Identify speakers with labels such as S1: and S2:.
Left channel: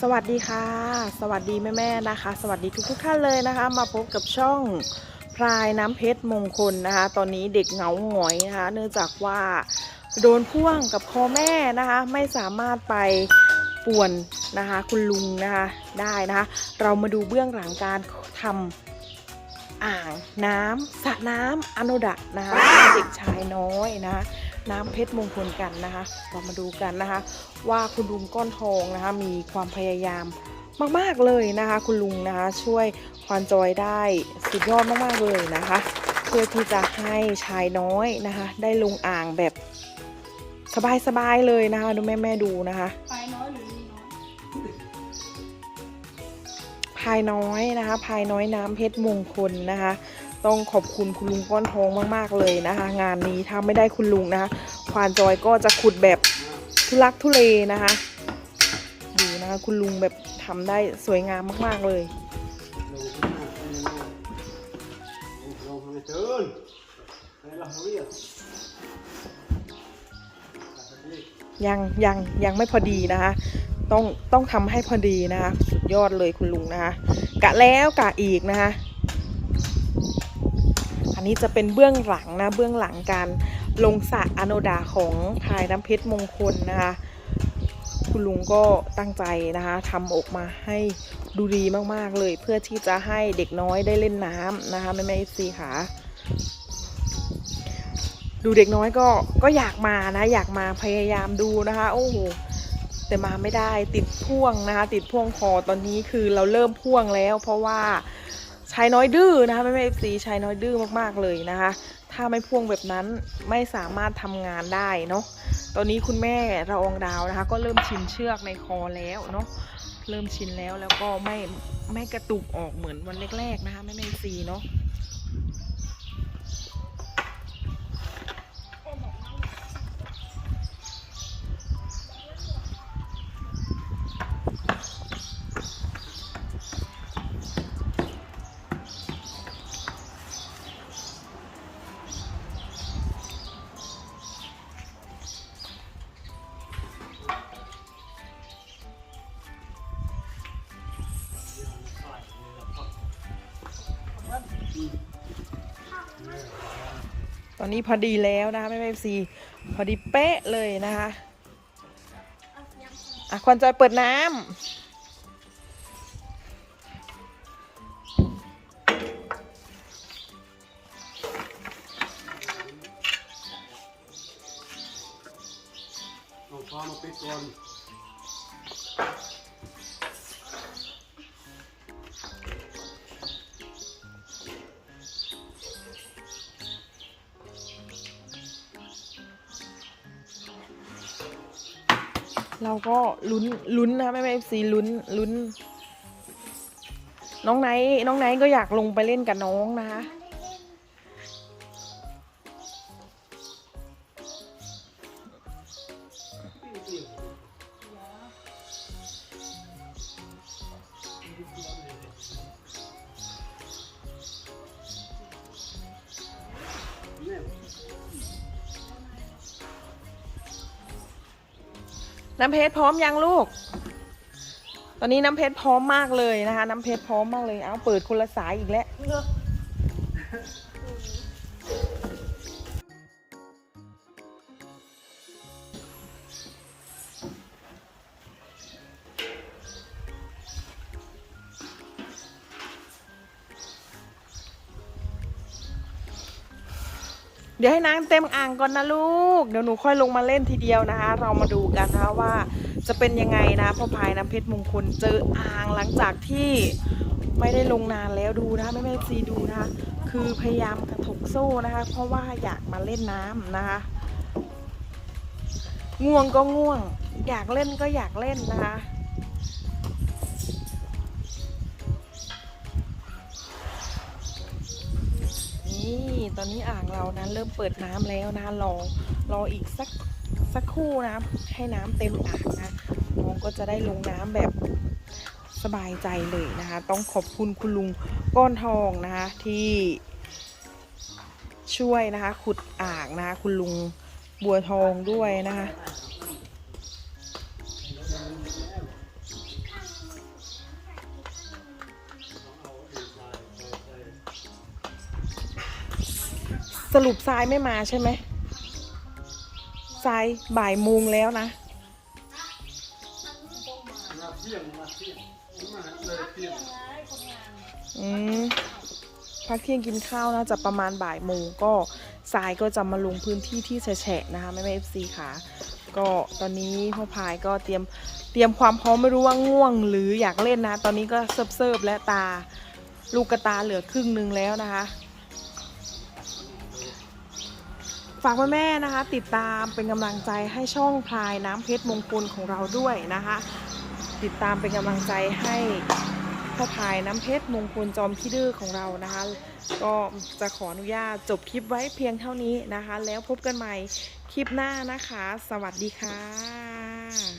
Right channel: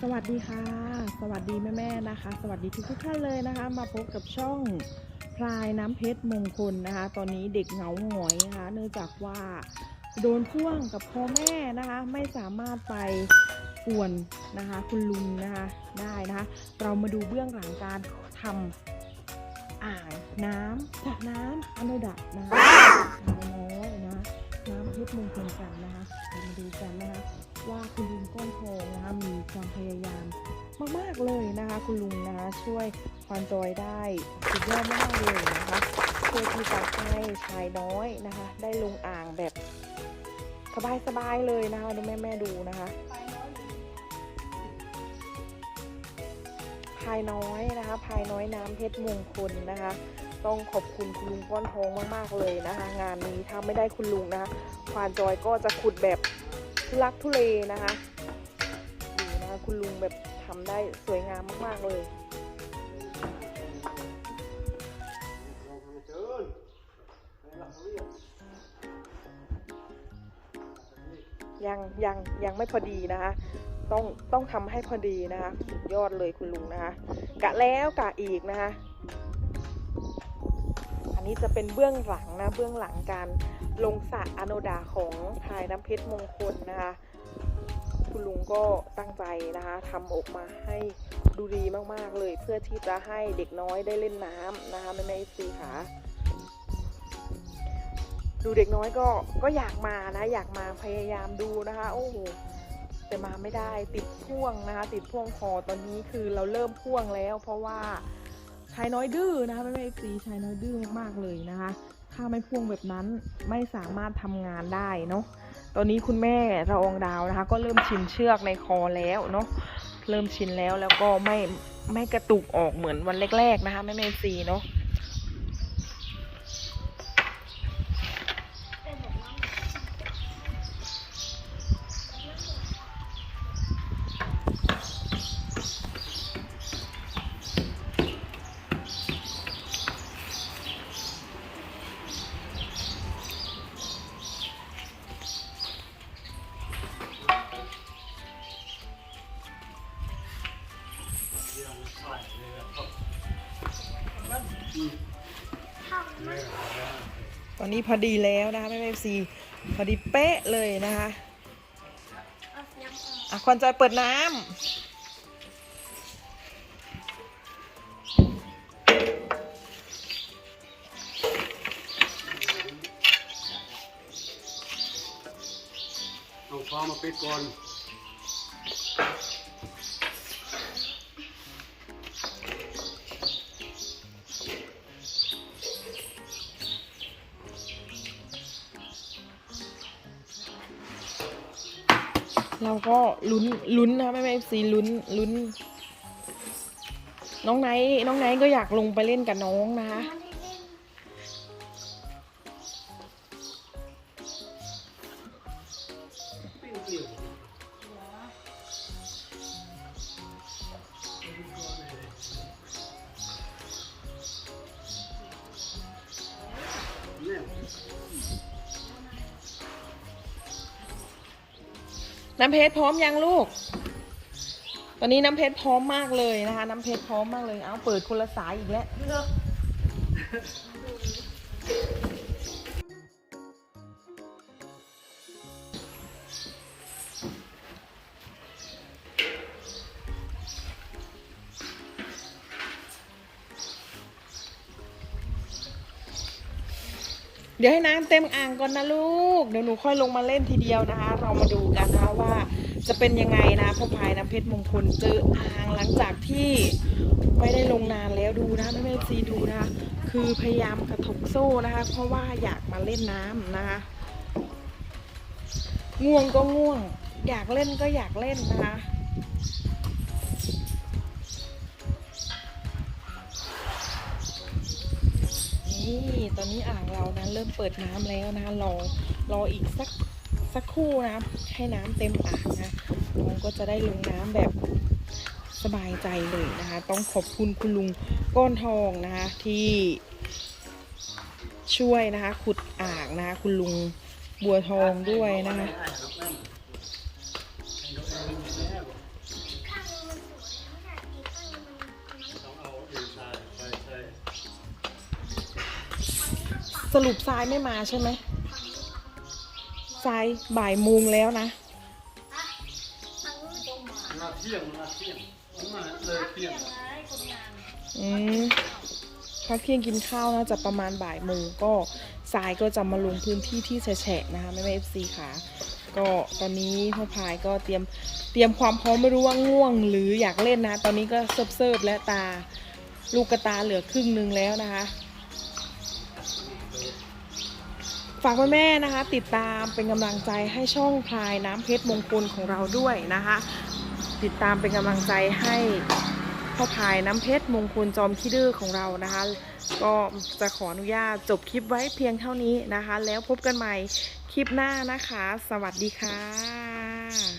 S1: สวัสดีค่ะ สวัสดีแม่ๆนะคะ สวัสดีทุกๆท่านเลยนะคะ มาพบกับช่องพรายน้ำเพชรมงคลนะคะ ตอนนี้เด็กเหงาหงอยนะคะ เนื่องจากว่าโดนพ่วงกับคอแม่นะคะ ไม่สามารถไปป่วนนะคะ คุณลุงนะคะได้นะคะ เรามาดูเบื้องหลังการทำอ่างน้ำสระน้ำอโนดะนะคะเด็กชายน้อยนะคะ น้ำเพชรมงคลกันนะคะ เรามาดูกันนะคะ ว่าคุณลุงก้อนทองนะคะ มีความพยายามมาก ๆ เลยนะคะ คุณลุงนะคะ ช่วยควานจอยได้สุดยอดมากๆเลยนะคะ เพื่อที่จะให้ชายน้อยนะคะ ได้ลงอ่างแบบสบายๆเลยนะคะ ดูแม่ๆดูนะคะภายน้อยนะคะภายน้อยน้ำเพชรมงคลนะคะ ต้องขอบคุณคุณลุงก้อนทองมาก ๆ เลยนะคะ งานนี้ถ้าไม่ได้คุณลุงนะคะควานจอยก็จะขุดแบบทุลักทุเลนะคะดูนะคะคุณลุงแบบทำได้สวยงามมาก ๆ เลยยังยังยังไม่พอดีนะคะ ต้องต้องทำให้พอดีนะคะ สุดยอดเลยคุณลุงนะคะ กะแล้วกะอีกนะคะ นนี้จะเป็นเบื้องหลังนะเบื้องหลังการลงสระอโนดาของพายน้ำเพชรมงคลนะคะคุณลุงก็ตั้งใจนะคะทำออกมาให้ดูดีมากๆเลย เพื่อที่จะให้เด็กน้อยได้เล่นน้ำนะคะแม่แม่ซีค่ะดูเด็กน้อยก็ก็อยากมานะ อยากมาพยายามดูนะคะ โอ้โหแต่มาไม่ได้ติดพ่วงนะคะ ติดพ่วงคอตอนนี้คือเราเริ่มพ่วงแล้ว เพราะว่า ชายน้อยดื้อนะคะแม่แม่ซีชายน้อยดื้อมากๆเลยนะคะ ถ้าไม่พ่วงแบบนั้นไม่สามารถทำงานได้เนาะตอนนี้คุณแม่ระองดาวนะคะ ก็เริ่มชินเชือกในคอแล้วเนาะเริ่มชินแล้วแล้วก็ไม่ไม่กระตุกออกเหมือนวันแรกๆนะคะแม่แม่ซีเนาะ ตอนนี้พอดีแล้วนะคะแม่แม่ซีพอดีเป๊ะเลยนะคะอะควันจอยเปิดน้ำ
S2: เอาฟ้ามาปิดก่อน
S1: เราก็ลุ้นลุ้นนะแม่แม่ซีลุ้นลุ้น น้องไนท์น้องไนท์ก็อยากลงไปเล่นกับน้องนะคะ
S2: น้ำ
S1: เพชรพร้อมยังลูก ตอนนี้น้ำเพชรพร้อมมากเลยนะคะ น้ำเพชรพร้อมมากเลย เอาเปิดคนละสายอีกแล้ว เดี๋ยวให้น้ำเต็มอ่างก่อนนะลูก เดี๋ยวหนูค่อยลงมาเล่นทีเดียวนะคะ เรามาดูกันนะคะว่าจะเป็นยังไงนะพ่อพายน้ำเพชรมงคลเจออ่างหลังจากที่ไม่ได้ลงนานแล้วดูนะคะไม่ไม่ซีดูนะคะคือพยายามกระถกโซ่นะคะ เพราะว่าอยากมาเล่นน้ำนะคะ ง่วงก็ง่วง อยากเล่นก็อยากเล่นนะคะ นี่ตอนนี้อ่างเรานะเริ่มเปิดน้ำแล้วนะรอรออีกสักสักครู่นะให้น้ำเต็มอ่างนะน้องก็จะได้ลงน้ำแบบสบายใจเลยนะคะ ต้องขอบคุณคุณลุงก้อนทองนะคะที่ช่วยนะคะ ขุดอ่างนะคะคุณลุงบัวทองด้วยนะคะ สรุปทรายไม่มาใช่ไหมทรายบ่ายโมงแล้วนะ
S2: มาเที่ยงมาเที่ยงมาเลยเที่ยง
S1: อืมพักเที่ยงกินข้าวน่าจะประมาณบ่ายโมงก็ทรายก็จะมาลงพื้นที่ที่แฉะนะคะแม่แม่เอฟซีค่ะ ก็ตอนนี้พ่อพายก็เตรียมเตรียมความพร้อมไม่รู้ว่าง่วงหรืออยากเล่นนะ ตอนนี้ก็เซิบเซิบๆและตาลูกกระตาเหลือครึ่งหนึ่งแล้วนะคะากแม่ๆนะคะ ติดตามเป็นกำลังใจให้ช่องพลายน้ำเพชรมงคลของเราด้วยนะคะ ติดตามเป็นกำลังใจให้พ่อพายน้ำเพชรมงคลจอมขี้ดื้อของเรานะคะ ก็จะขออนุญาตจบคลิปไว้เพียงเท่านี้นะคะ แล้วพบกันใหม่คลิปหน้านะคะ สวัสดีค่ะ